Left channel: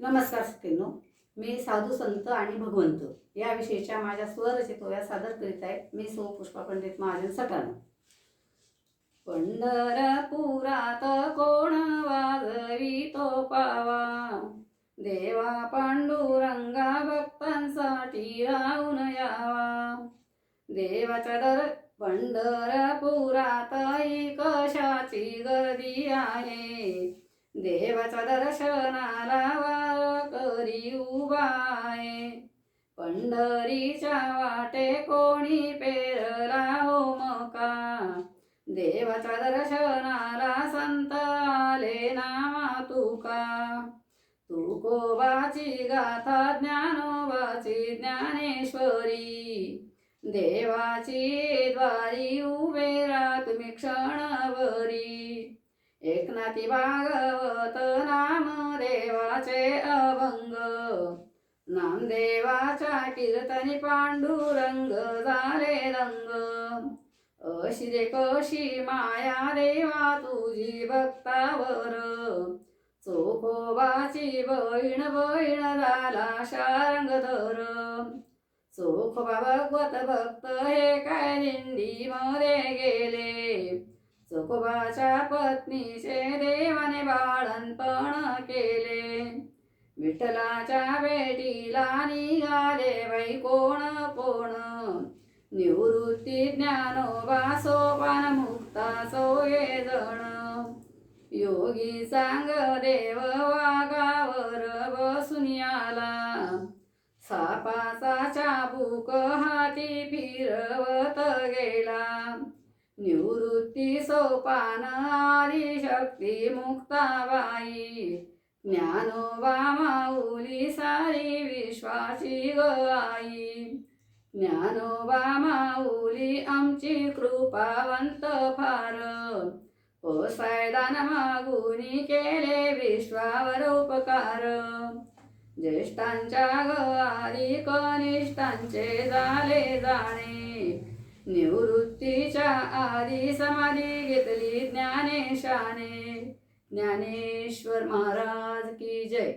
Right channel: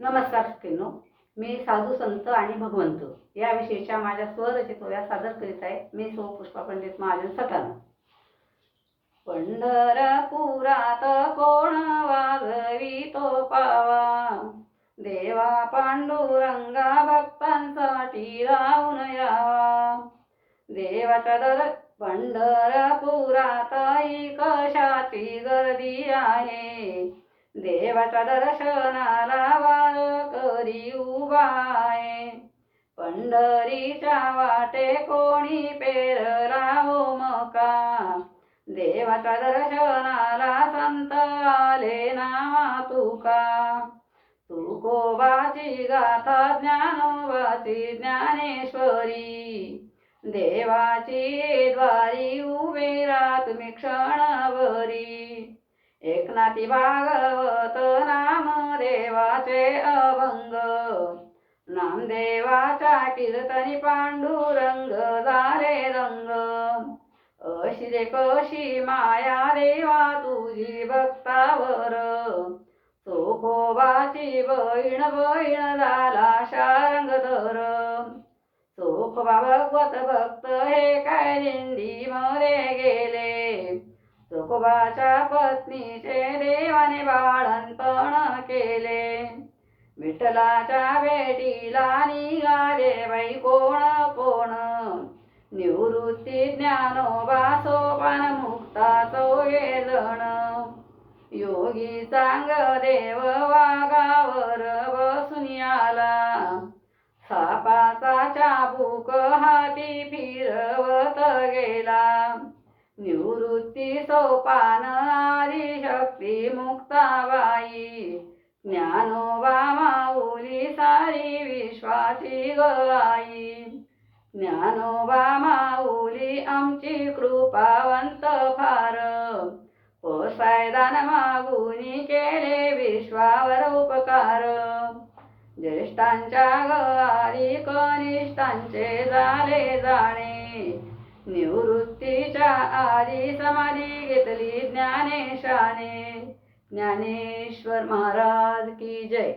नमस्कार सखींनो, मी साधू संत आणि भगवंत या विषयीच्या माझ्या स्वरचितोया सादर करीत आहे. मी सौ पुष्पा पंडित महाजन सटाणा. पंढरपुरात कोण वाजवितो पावा, देवा पांडुरंगा भक्तांसाठी राहून यावा. देवाच्या पंढरपुरात ही कशाची गर्दी आहे, देवाच्या दर्शनाला वारकरी उभा आहे. पंढरीच्या वाटे कोणी पेरला हो मका, देवाच्या दर्शनाला संत आले नावा तुका. तुकोबाची गाथा ज्ञानोबाची ज्ञानेश्वरी, देवाची द्वारी उभे राहा तुम्ही क्षणभरी. एकनाथी भागवत नामदेवाचे अभंग, नामदेवाच्या कीर्तनी पांडुरंग झाले दंग. अशी रे कशी माया देवा तुझी भक्तावर, चोखोबाची बहीण बहीण झाला शारंगधर. चोखोबा भगवत भक्त हे काय दिंडी मध्ये गेले, चोखोबाच्या पत्नीचे देवाने बाळणपण केले. विठ्ठलाच्या भेटीला निघाले बाई कोण कोण, निवृत्ती ज्ञानोबा सोपान मुक्ता सोये जण. योगी सांग देव वाघावर बसून आला, सापाचा चाबूक हाती फिरवत गेला. निवृत्ती सोपान आदिशक्ती मुक्ताबाई, ज्ञानोबा माऊली सारी विश्वाची गवाई. ज्ञानोबा माऊली आमची कृपावंत फार, पोसायदान मागुनी केले विश्वावर उपकार. ज्येष्ठांच्या गवारी कनिष्ठांचे झाले जाणे, निवृत्तीच्या आधी समाधी घेतली ज्ञानेशाने. ज्ञानेश्वर महाराज की जय.